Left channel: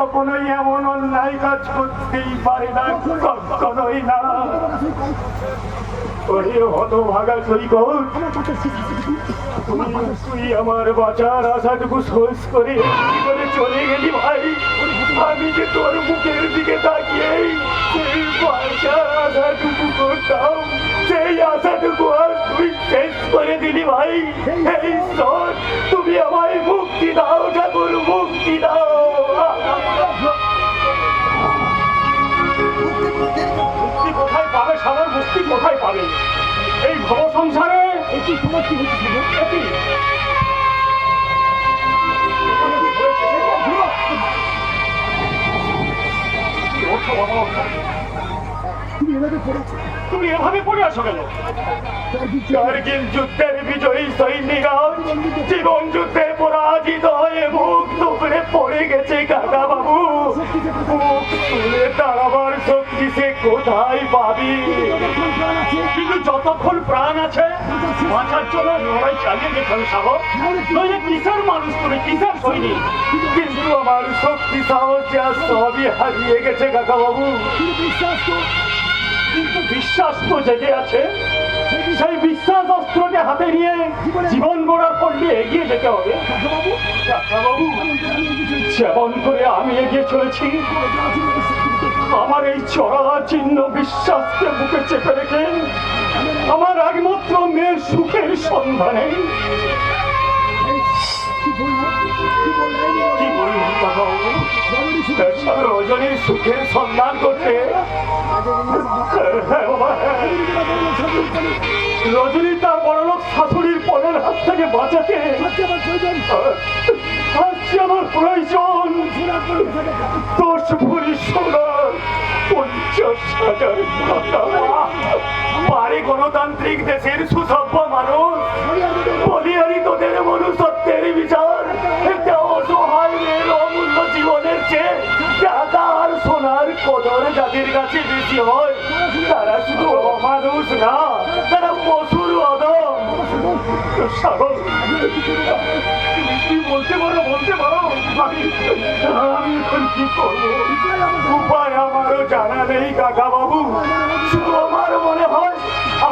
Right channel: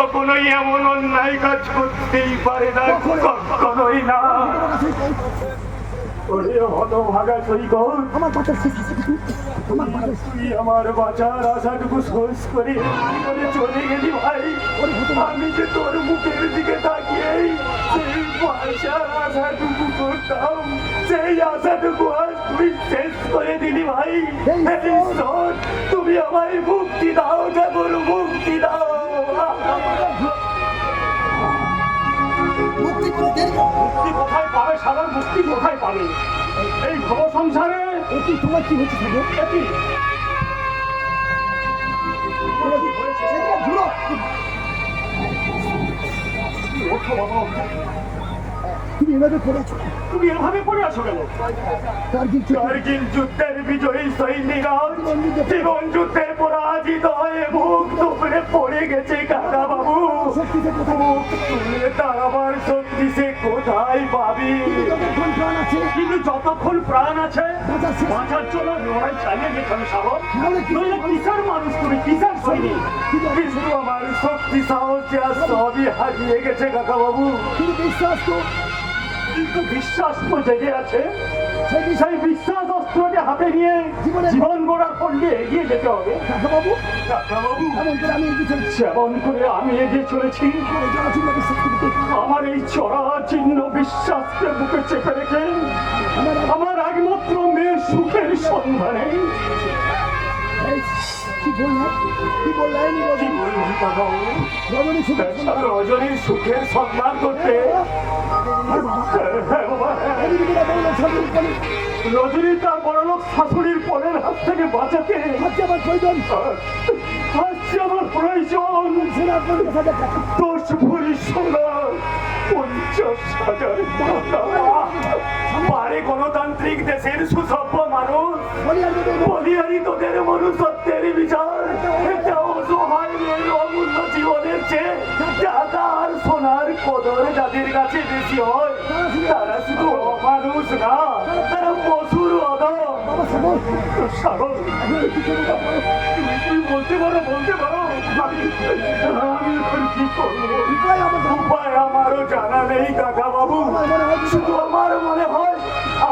কখনোই এমন অন্যায় কাজ করতেই পারে না, কখনোই না। ওরে হতভাগা সৈকত, তুই আমার বাঁচার আশাটুকু শেষ করে চলে গেলি ভাই। আমি যে তোর মুখের দিকে তাকিয়েই সেই বাঁচার আশাটুকু করতাম, সেই আশাটুকু আর তুই শেষ করে দিলি ভাই। এই ঈশ্বর, তুমি আমায় মুক্তি দাও ঠাকুর, মুক্তি দাও। মুক্তি কোথায় পাবে সাগর, মুক্তি কোথায় পাবে এই ভব সংসারে? কি তোমার কি হচ্ছে? তুমি এভাবে পড়ে আসো কেন? কার্গিল যুদ্ধের বিজয়ী সৈনিকরা জীবন যুদ্ধের পরাজিত হয়ে মুখ টুকরে পড়ে গেছে কাকা বাবু। মুখ তুলে দাঁড়াবার শক্তি সে কোথায় পাবি? কিন্তু যতক্ষণ প্রাণ আছে বাঁচার জন্য লড়াই চালিয়ে যেতে সাগর। নইলে কিসের মানুষ তুমি, কিসের সৈনিক? কিন্তু আমার শক্তি সাহস সবই হারিয়ে গেছে কাকা বাবু। কিন্তু বিশ্বাস তো জেগে আছে। সেই বিশ্বাস অস্ত্রকে হাতে নিয়ে জীবন গড়ার পথে এগিয়ে যেতে হবে। যেমন করে আমি এগিয়ে চলেছি, আমার এই চরাচিহ্ন বিশ্বাসকে বুকে চেপে রেখে আমার একমাত্র মেয়ের সুখের সন্ধানে রজনীর সুখের সন্ধান করতে, রজনী তার বড়লোক শাশুড়ির পরের হাত থেকে বাঁচাতে আজকে আমার প্রয়োজন 10 ভরি সোনা, 50,000 টাকা। পারে গণতান্ত্রিক দেশের সুসভ্য মানুষ বলিয়ারি তোদের মনুষ্যত্বের বিচার একটা অসহায় মেয়ের অমূল্য জীবনের চেয়ে টাকা আর সোনার কদর যাদের কাছে বেশি হয় তারা শুধু অমানুষ না, তারা পশুর অদম। সাগর, তুমি বলতে পারো আমি এখন কি করবো? উপায় আমারও জানা নেই কাকা বাবু। শুধু আমার মনে হয়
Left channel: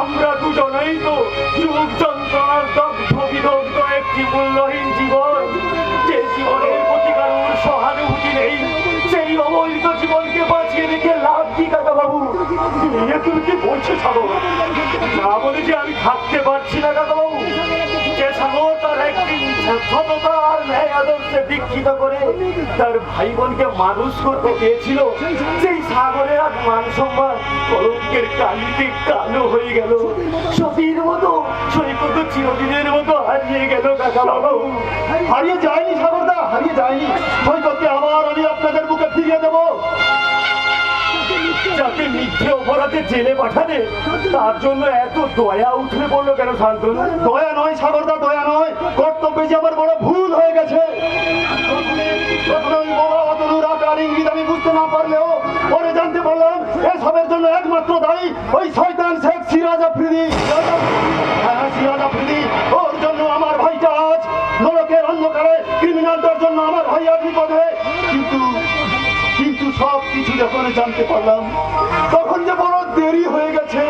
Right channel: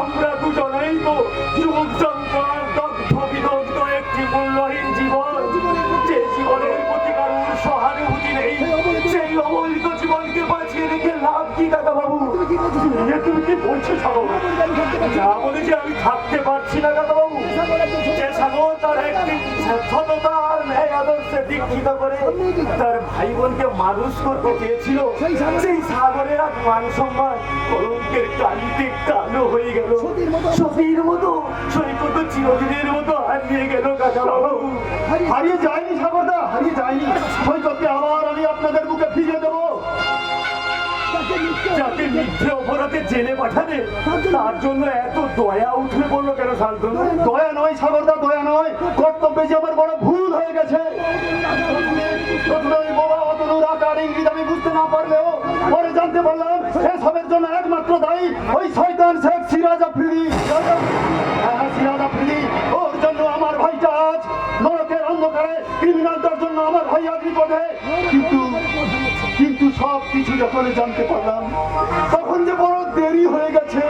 আমরা দুজনেই তো যুগ যন্ত্রণার দগ্ধ বিদগ্ধ একটি মূল্যহীন জীবন। যে জীবনের প্রতি কারোর সহানুভূতি নেই, সেই অবৈধ জীবনকে বাঁচিয়ে রেখে লাভ কি কাকা বাবু? তুমি কি বলছো সাগর? না বলে যে আমি থাকতে পারছি না কাকা বাবু। যে সাগর তার একদিন সততা আর ন্যায় আদর্শে দীক্ষিত করে তার ভাই বোনকে মানুষ করতে চেয়েছিল, সেই সাগরের আর মান সম্মান কলঙ্কের কালিতে কালো হয়ে গেল। সতীর মতো সৈকত চিরদিনের মতো হারিয়ে গেল কাকা বাবু। হারিয়ে যায়নি সাগরদা, হারিয়ে যায়নি। সৈকতকে আবার আমি আপনাদের বুকে ফিরিয়ে দেবো। যাকে মিথ্যে অপরাধে জেলে পাঠালে তার জন্য এত দয়া উঠে পড়লো কেন শান্তনু? দয়া নয় সাগরদা, দয়া নয়, কর্তব্যে যে আমার বড় ভুল হয়ে গেছে। আমি বুঝতে না পারলেও পরে জানতে পারলাম এসবের জন্য একমাত্র দায়ী ওই শয়তান শেখ সিরাজ আফ্রিদি। সিরাজ আফ্রিদি, ওর জন্য আমার ভাইটা আজ নরকের অন্ধকারে, ক্রিমিনালটার জন্য আমার ভাই আজ বিপদে। কিন্তু সব কিছু যখন জানতে পারলাম তখন যে বড় দেরি হয়ে গেছে।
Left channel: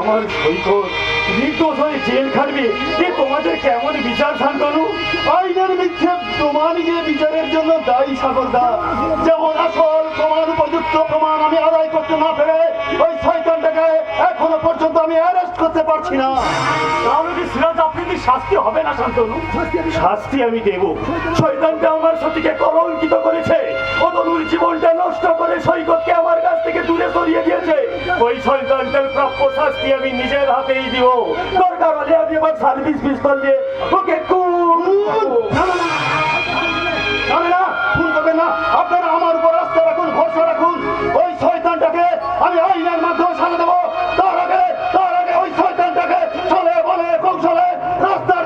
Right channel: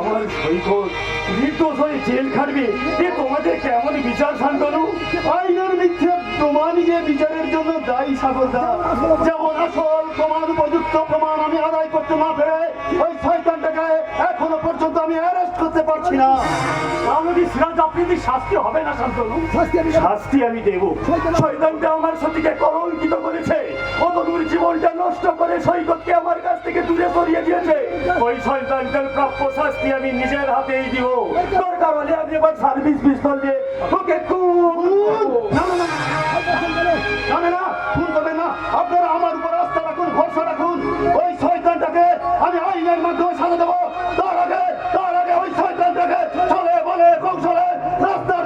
আমার সৈকত নির্দোষ হয়ে জেল খাটবে, এ তোমাদের কেমন বিচার শান্তনু? আইনের মিথ্যে প্রমাণ গিয়ে বিচারের জন্য দায়ী সাগরদা। যেমন আসল প্রমাণ, উপযুক্ত প্রমাণ আমি আদায় করতে না পেরে ওই শয়তানটাকে এখনো পর্যন্ত আমি অ্যারেস্ট করতে পারছি না। তাহলে কি সিরাজ আফ্রিদির শাস্তি হবে না শান্তনু? শাস্তি আমি দেব। শয়তানটা আমার সতীকে কলঙ্কিত করেছে, অতনুর জীবনটা নষ্ট করে সৈকতকে আমার কাছ থেকে দূরে সরিয়ে দিয়েছে। ওই শয়তানটার প্রাপ্য শাস্তি আমি নিজের হাতেই দিব। দরকার হলে আমি এবার সার্ভিস পিস্তল দিয়ে ওকে আপনারা আমার উপর আস্থা রাখুন, ভরসা রাখুন। ওই শয়তানটাকে আমি আইনের মাধ্যমে সাজা দেবো। তার আগে ওই শয়তানটাকে চলে বলে কৌশলে রাস্তা